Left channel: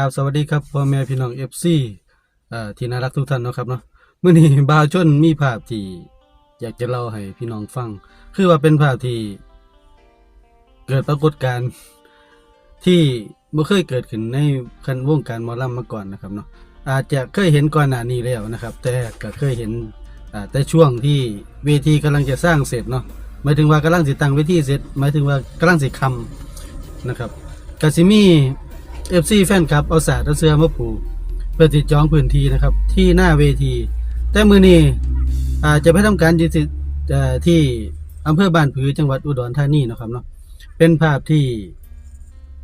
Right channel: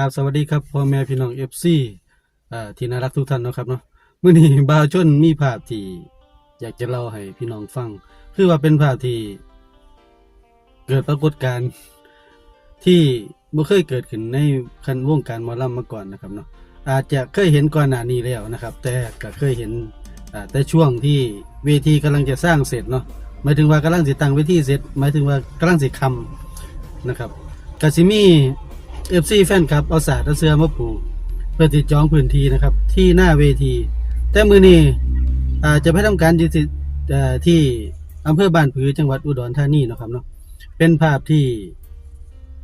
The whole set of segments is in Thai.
ราบสวัสดีครับพ่อแม่พี่น้องเอฟซีที่น่ารักทุกท่านนะครับเนาะเมื้อนี้บาวชนมีภาพที่อยากจะเล่าให้พี่น้องฟัง คือว่าเป็นภาพที่เกิดปรากฏการณ์ที่บ่เคยเกิดขึ้นในคันวงการมอลำมาก่อนนะครับเนาะอาจจะเคยเห็นก่อนหน้านี้แล้วนะครับ แต่ก็เคยเห็นแต่ช่วงที่เวทีกำลังจะสร้างเสร็จเนาะหมายถึงว่ากำลังสิตั้งเวทีเสร็จหมายถึงว่ากำลังสิคำนะครับกสิมี เอฟซีแฟนครับเอาสาดเอาเสื้อมาปูเพื่อติดจองพื้นที่นะครับ ที่หน้าเวที แต่มือนี้อาจะไปทำการจิตเอ่อที่อำเภอบ้านผือจังหวัดอุดรธานีนะครับเนาะเป็นภาพที่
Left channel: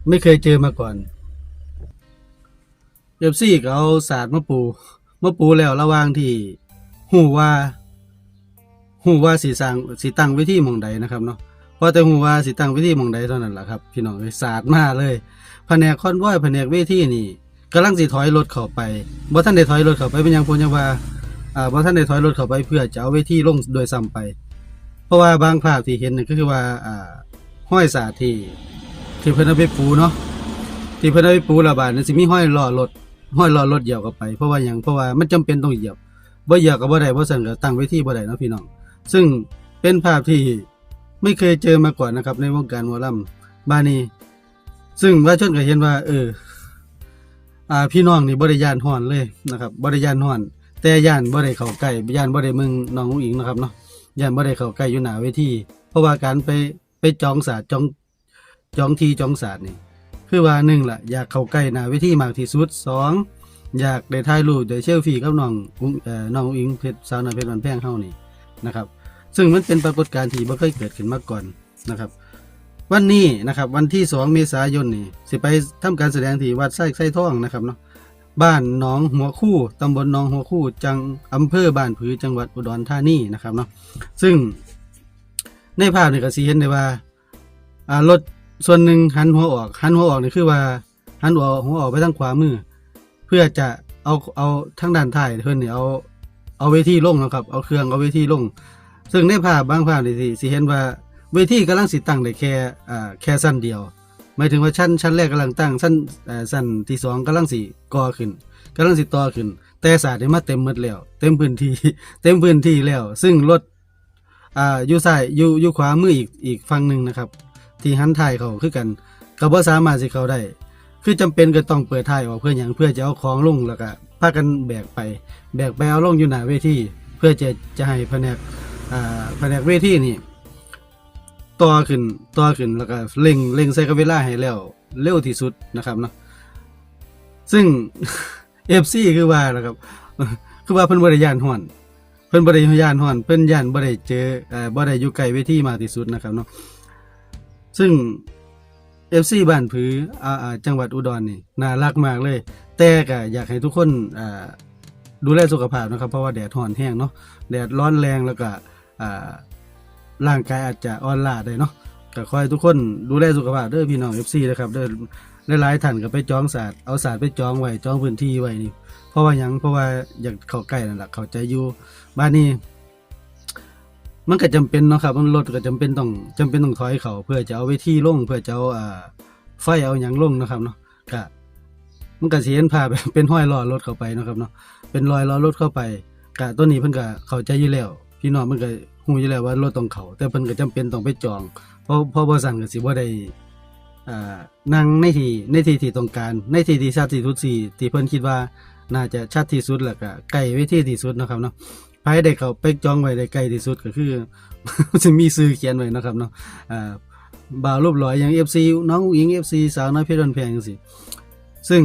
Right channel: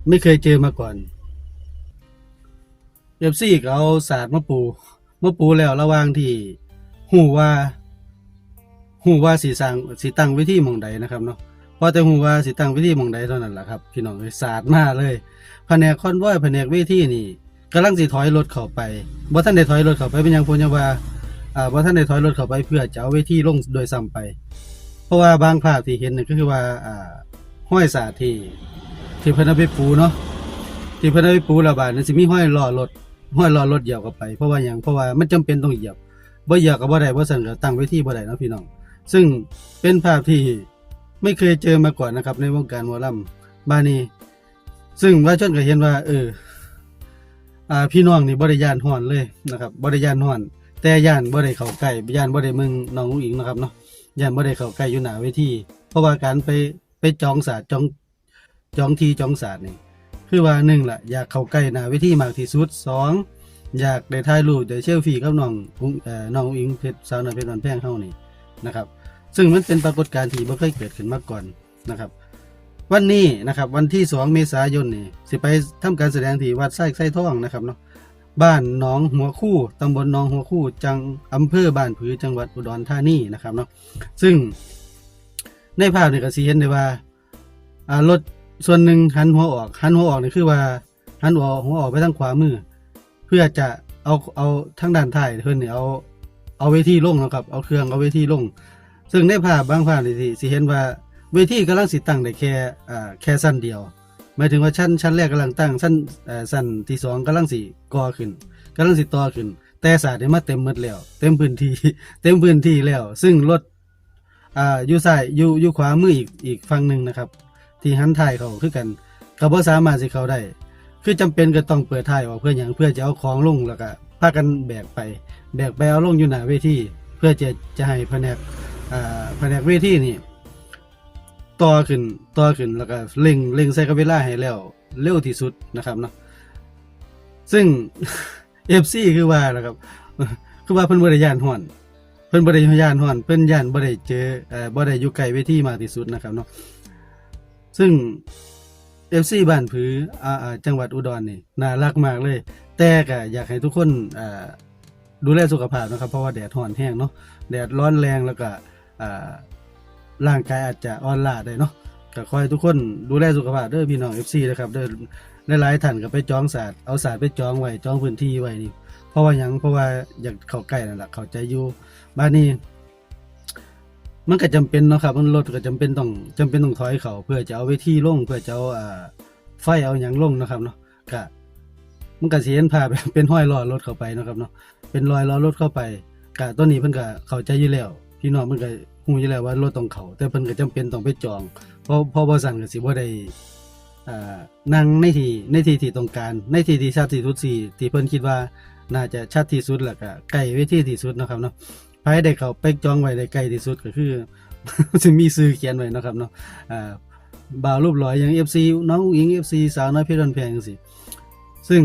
ไม่เคยเจอมาก่อนเอฟซีก็เอาสาดมาปูมาปูแล้วระวางที่หูว่าหูว่าสีสางสีตั้งไว้ที่มองใดนะครับเนาะพอแต่หูว่าสีตั้งไว้ที่มองใดเท่านั้นแหละครับพี่น้องเลยสาดมาเลย แผนกคอนวอยแผนกเวทีนี่กำลังสิถอยรถเข้าไปบ่ท่านได้ถอยรถเข้าไปเป็นหยังพนยังว่าอ่าบ่ท่านได้ถอยรถเข้าไปเพื่อจะเอาเวทีลงโดยซ้ำไป เพราะว่าบางภาพที่เห็นนี่ก็คือว่าอ่าห้อยสาที่ที่เพิ่นเอาไปปูเนาะที่เพิ่นเอาไปปูระบาดนั่นสิมีห้อยล้อรถห้อยล้อรถเหยียบเข้าไป เพราะว่าหยังเพราะว่ามันจำเป็นต้องเหยียบบ่เหยียบก็บ่ได้บ่สั่นก็ตั้งเวทีบ่ได้เนาะพี่น้องซึ่งเป็นภาพที่ไม่เคยเจอมาก่อนนะครับในวงการหมอลำบ้านนี้ ซึ่งว่าชนก็เห็นว่า เออ อ่าพี่น้องนี่บริยานห่อนเลยนะครับบริยานห่อนแต่ย่านบ่ได้เข้าใกล้ย่านบ่ได้มึงน้องอุ้งอิงนะครับเนาะย่านบ่ได้เข้าใกล้อยู่หน้าเวทีเพราะว่าการไปไปจองศาสตร์จองจองทีจองศาสตร์นี่คือว่าหนึ่งล่ะอยากเข้าใกล้หน้าเวทีมากที่สุดสองอยากได้ถ่ายรูปได้เชลฟี่กับน้องเอ่อน้องอิงเพชรสาวน้อยเพชรวันแพงเฮานี่นะครับ ซึ่งมันเป็นปรากฏการณ์ที่บ่เคยเกิดขึ้นมาก่อนนะครับ วันนี้นะครับวันที่ 2 เมษายนนี่สิไปทำการแสดงที่วัดไส้ไส้ท่องนะครับเนาะบ้านหนองหัวคู่ตำบลหนองหัวคู่จังอำเภอบ้านผือจังหวัดอุดรธานีนะครับเนาะซึ่งในภาพเนี่ยก็สิเห็นได้ว่าอ่ารถส่วนหนึ่งหันหัวออกหันหัวออกนี่คือว่าหันหัวหัวออกไปทางขวามือ เพื่อจะเอาเอาทางด้านท้ายเพื่อนเนี่ยเอาเอาเวทีลงนะครับ เอาเครื่องเอาเวทีลง ซึ่งในภาพบางภาพนี่สิสิเห็นว่า เวทีกำลังสิตั้งได้แค่อ่าแค่สั้นเดียว หมายถึงว่าชั้นชั้นแรกกำลังตั้งชั้นเอ่อสั้นที่สองกำลังสิก่อขึ้นกำลังสิต่อขึ้น แต่ศาสตร์ได้มาเต็มหมดแล้ว เต็มพื้นที่ เต็มพื้นที่แล้ว ซึ่งรถอ่าอยู่ซ้ายอยู่อยู่ขวามืออีกอีกฝั่งหนึ่งนะครับ ที่หันท้ายเขาคือกันก็บ่สามารถสิเขาได้ คือจำเป็นก็ต้องเปิดท้ายออกเพื่ออย่างเพื่อจะเอาของลงแล้วก็พากันแบกไป แบกไปเอาลงอยู่หน้าเวทีเพื่อจะจะให้แผนกอ่าแผนกเวทีนี่ ต่อขึ้นต่อขึ้นแล้วก็เร่งเร่งใส่กับเวลาให้แล้วเร็วที่สุดนะครับเนาะซึ่งเอฟซีคือว่านะครับ คือว่าเพิ่นบริยานห่อนเพิ่นบริยานห่อนเพิ่นย่านบ่ได้เจอเอ่อบ่ได้อยู่ใกล้เวทีมากที่สุดนะครับเนาะซึ่งเอฟซีบ้านผืออ่าอ่าจังหวัดอุดรนี่น่ารักมากเลย แต่ก็อยากให้ทุกคนอ่าดูแลสุขภาพนะครับ เพราะว่าแดดห่อนแห้งเนาะแดดร้อนแรงแล้วก็อ่า ร่างกายอาจจะอ่อนล้าได้เนาะก็คอยทุกคนดูแลสุขภาพเด้อพี่น้อง FC นะครับเด้อหลายๆท่านก็ไปจองศาสตร์เอาศาสตร์ไปจองไว้จองพื้นที่ไว้นี่ เพราะว่าหยังเพราะว่าอยากเข้าใกล้นั่นแหละเข้าใจอยู่บ้านนี้มันก็จำเป็นเนาะครับมันรถก็จำเป็นต้องจำเป็นต้องถอยเขาเพื่อจะเอาเวทีลงเพื่อจะเอาอ่าไฟเอาหยังลงนะครับเนาะก็มันก็เสิเห็นภาพเป็นห้อยล้อรถเข้าไปนะครับเนาะเป็นรอยล้อรถเข้าไปกะตัวนี้เพิ่นก็เข้าใจอยู่แล้ว พี่น้องเพิ่นก็ฮู้อยู่แล้วว่ารถต้องเขาแต่เพิ่นก็จำเป็นต้องไปจอง เพราะเพราะบ่สั่นก็สิบ่ได้อ่านั่งในที่ในที่ที่ต้องการ ในที่ที่ชัดที่สุดสิที่เพิ่นคิดว่าน่าจะชัดที่สุดแล้วก็ใกล้เวทีที่สุดนะครับเนาะไผได้เขาไปจองไว้ได้ใกล้ที่สุดก็คือสิมีชื่อเขียนไว้นะครับเนาะอ่าบ่าวรูปหล่ออย่าง FC น้องหญิง FC สาวน้อยเพชรวันแพงจังซี่ซึ่ง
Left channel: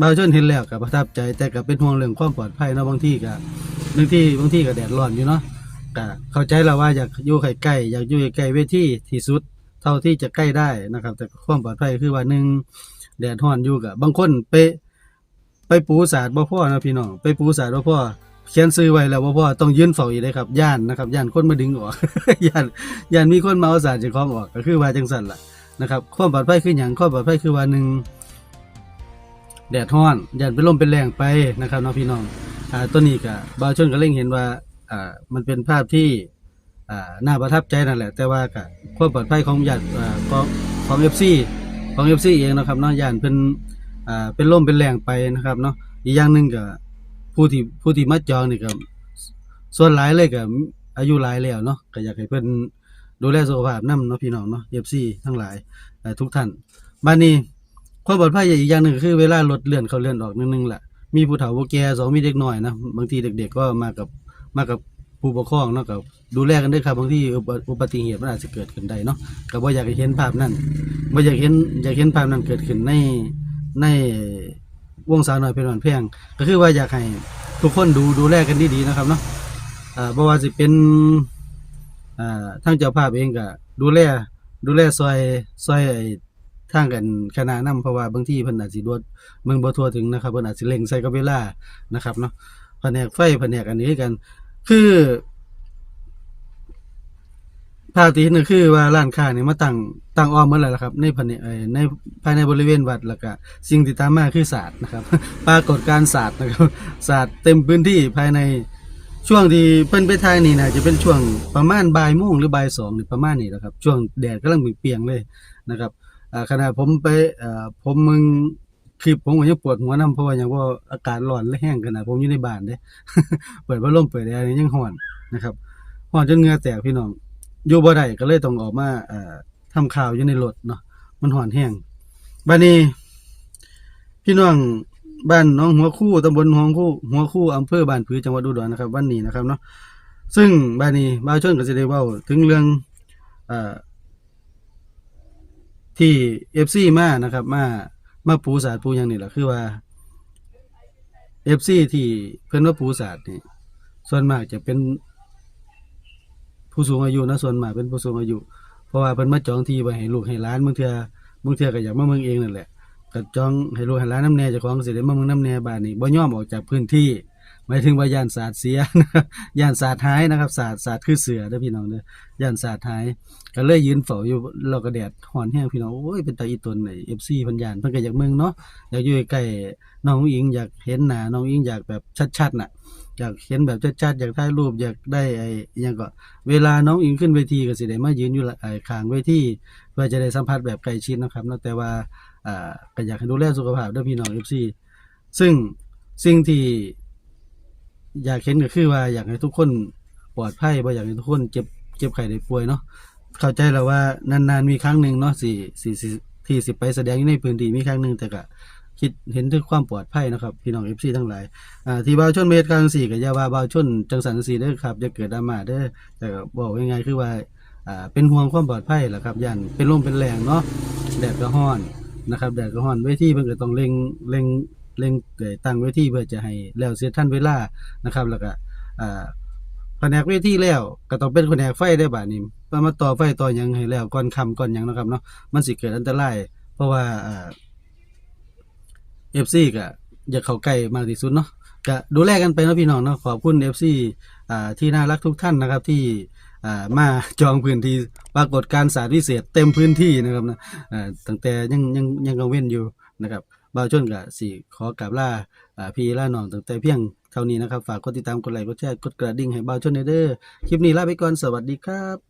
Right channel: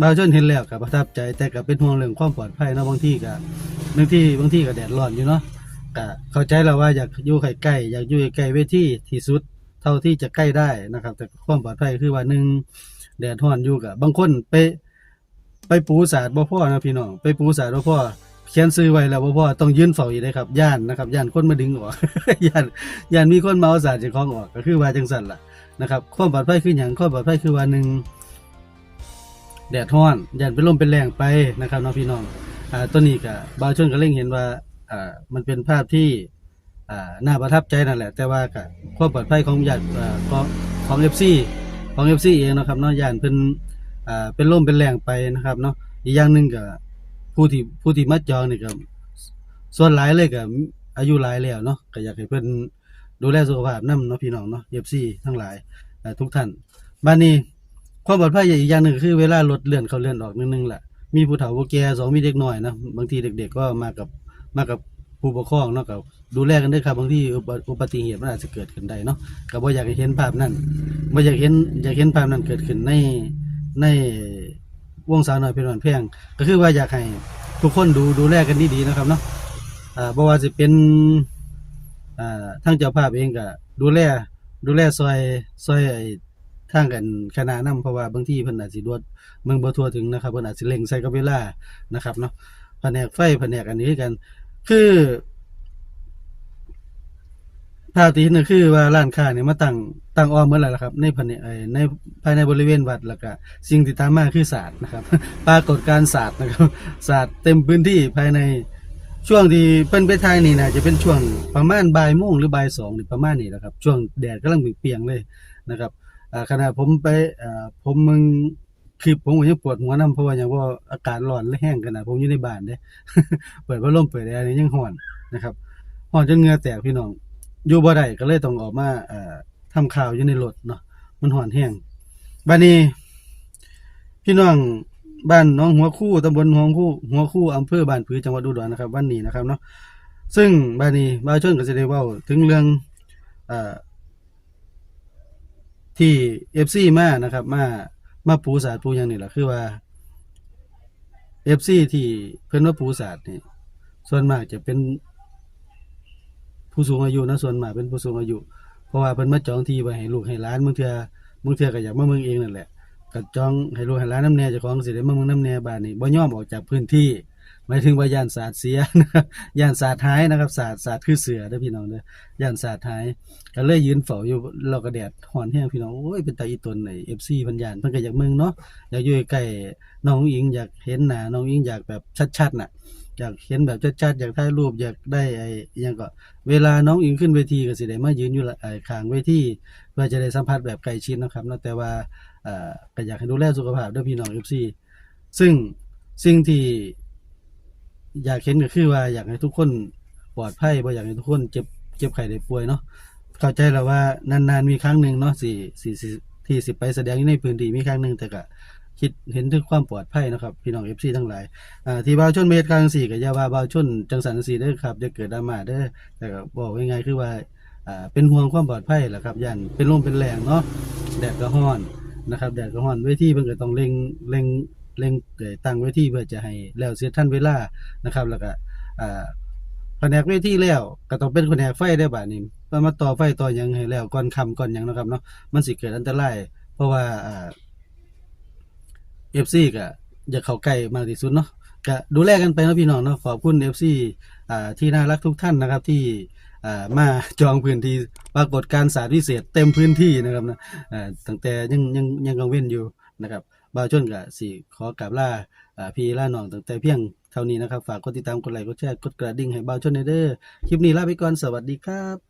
บ่างชนเห็นแล้วก็ประทับใจแต่ก็เป็นห่วงเรื่องความปลอดภัยเนาะบางที่ก็ บางที่บางที่ก็แดดร้อนอยู่เนาะก็เข้าใจแล้วว่าอยากอยู่ใกล้ๆอยากอยู่ใกล้ๆเวทีที่สุดเท่าที่จะใกล้ได้นะครับ แต่ความปลอดภัยคือว่าหนึ่งแดดร้อนอยู่กับบางคนไปไปปูสาดบ่พ่อนะพี่น้องไปปูสาดบ่พ่อเขียนซื้อไว้แล้วบ่พ่อต้องยืนเฝ้าอยู่เลยครับย่านนะครับย่านคนมาดึงออกย่านย่านมีคนมาเอาสาดจากของออกก็คือว่าจังสั่นล่ะนะครับความปลอดภัยคืออย่างความปลอดภัยคือว่าหนึ่ง แดดร้อนยันเป็นลมเป็นแรงไปนะครับเน้องพี่น้องอ่าตัวนี้ก็บางช่วงก็เล่งเห็นว่าอ่ามันเป็นภาพที่อ่าน่าประทับใจนั่นแหละ แต่ว่าก็ความปลอดภัยของยันอ่าของของเอฟซีของเอฟซีเองนะครับเนาะยันเป็นอ่าเป็นลมเป็นแรงไปนะครับเนาะอีกอย่างหนึ่งก็ผู้ที่ผู้ที่มาจองนี่ก็ส่วนหลายเลยก็อายุหลายแล้วเนาะก็อยากให้เพิ่นดูแลสุขภาพนํเนาะพี่น้องเนาะ FC ทั้งหลายทุกท่านบัดนี้ ความปลอดภัยอีกอย่างหนึ่งคือเวลารถเลื่อนเขาเลื่อนออกนิดนึงละมีผู้เฒ่าผู้แก่สองมีเด็กน้อยนะบางทีเด็ก ๆ ก็มากับมากับผู้ปกครองเนาะก็ดูแลกันด้วยครับบางทีอุบัอุบัติเหตุมันอาจจะเกิดขึ้นได้เนาะก็บ่อยากเห็นภาพนั้นบ่อยากเห็นอยากเห็นภาพนั้นเกิดขึ้นในในวงสาวหน้อยเป็นหวันเพียงก็คือว่าอยากให้ทุกคนดูดูแลกันดีๆนะครับเนาะอ่าบ่ว่าสิเป็นอ่าทางเจ้าภาพเองก็ดูแลดูแลซอยซอย ไอ้างกันคณะนํเพราะว่าบางทีเพิ่นอาจสิรวดเมืองบ่ทั่วถึงนะครับเพิ่นอาจสิเร่งใส่กับเวลานะครับเนาะแผนกไฟแผนกอันนี้กัน คือภาพที่ห็นก็คือว่าร้านค้าเนี่ยมาตั้งตั้งอ้อมหมดแล้วล่ะครับ ในภายในในภายในบริเวณวัดแล้วก็สิ่งที่ตามมาคือศาสตร์นะครับ ปรากฏการศาสตร์นะครับศาสตร์เต็มพื้นที่ภายในช่วงที่เพิ่นไปทายนี่นะจะเป็นช่วงประมาณบ่ายโมงหรือบ่ายสองหรือประมาณนี้นะครับ ช่วงแดดกำลังเปรียงเลยนะครับ ขณะผมไปอผมมึงคลิปผมก็ยังปวดหัวน้ำเพราะว่าอย่างว่าอากาศร้อนและแห้งขนาดผมอยู่ในบ้านเด้เปิดพัดลมเปิดแอร์ยังร้อนนะครับร้อนจนเหงื่อแตกพี่น้องอยู่บ่ได้ก็เลยต้องออกมาอ่อทำข่าวอยู่ในรถเนาะมันหอนแห้งบัดนี้ พี่น้องบ้านน้องหัวคู่ตำบลหัวคู่หัวคู่อำเภอบ้านผือจังหวัดอุดรนะครับวันนี้นะครับเนาะซึ่งบ้านนี้บ้าวชนก็สิได้เว้าถึงเรื่อง เอ่อที่ FC มานะครับมามาปูศาสตร์ปูหยังนี่แหละคือว่า FC ที่เพิ่นว่าปูศาสตร์นี่ส่วนมากจะเป็นผู้สูงอายุนะส่วนมากเป็นผู้สูงอายุ เพราะว่าเพิ่นมาจองที่ไว้ให้ลูกให้หลานบางเทื่อบางเทื่อก็อยากมาเมืองเองนั่นแหละก็จองให้ลูกให้หลานน้ำแน่เจ้าของสิได้มาเมืองน้ำแน่บ้านนี้บ่ยอมออกจากพื้นที่ หมายถึงว่าย่านศาสตร์เสียย่านศาสตร์หายนะครับศาสตร์ศาสตร์คือเสือเด้อพี่น้องเด้อย่านศาสตร์หาย ก็เลยยืนเฝ้าอยู่เราก็แดดฮ้อนแห้งพี่น้องโอ้ยเป็นตาอีตนไอ้ FC เพิ่นยานเพิ่นก็อยากเมืองเนาะอยากอยู่ใกล้น้องอิงอยากเห็นหน้าน้องอิงอยากแบบชัดๆน่ะอยากเห็นแบบชัดๆอยากถ่ายรูปอยากได้ไอ้ยังก็เวลาน้องอิงขึ้นเวทีก็สิได้มายืนอยู่ไอ้ขางเวทีเพื่อจะได้สัมผัสแบบใกล้ชิดนะครับนะแต่ว่าอ่าก็อยากให้ดูแลสุขภาพด้วยพี่น้อง FC ซึ่งสิ่งที่ อยากเห็นก็คือว่าอยากให้ทุกคนปลอดภัยบ่อยากให้ทุกคนเจ็บเจ็บไข้ได้ป่วยเนาะเข้าใจแล้วว่านานๆมีครั้งหนึ่งเนาะสิสิสิที่สิไปแสดงอยู่ในพื้นที่มีครั้งหนึ่งแต่ก็คิดเห็นถึงความปลอดภัยนะครับ พี่น้อง FC ทั้งหลายอ่าที่บ่าวชนเมตกลางสี่กับยาว่าบ่าวชนจังสันสี่เด้ครับจะเกิดดราม่าเด้แต่ก็บอกง่ายๆคือว่าอ่าเป็นห่วงความปลอดภัยแหละครับยันเป็นลมเป็นแรงเนาะแดดก็ร้อนนะครับแดดก็ร้อนเวทีเพิ่นก็ต้องเร่งเร่ง เร่งตั้งเวทีเพื่อจะให้แล้วเสร็จทันเวลานะครับ แล้วก็แผนกเวทีแล้วก็ต้องเป็นแผนกไฟได้บานี้ว่ามาต่อไฟต่อยังให้แล้วก่อนค่ำก่อนยังนะครับเนาะมันสิเกิดอันตรายเพราะว่าเอฟซีก็อยากเข้าใกล้มากที่สุดเนาะก็ดูแลกันไปนะพี่น้องเนาะขอบคุณเอฟซีที่น่ารักทุกท่านนะครับที่มาจองพื้นที่ปรากฏการณ์สาร์พิเศษเต็มพื้นที่นะครับนะตั้งแต่ยังยังยังกังเว้นอยู่นะครับ บ่าวชนกับสี่ขอกราบลาอ่าพี่ล่าน้องตั้งแต่เพียงเท่านี้นะครับ ฝากกดติดตามกดไลค์กดแชร์กดกระดิ่งให้บ่าวชนในเด้อคลิปนี้ลาไปก่อนสวัสดีครับ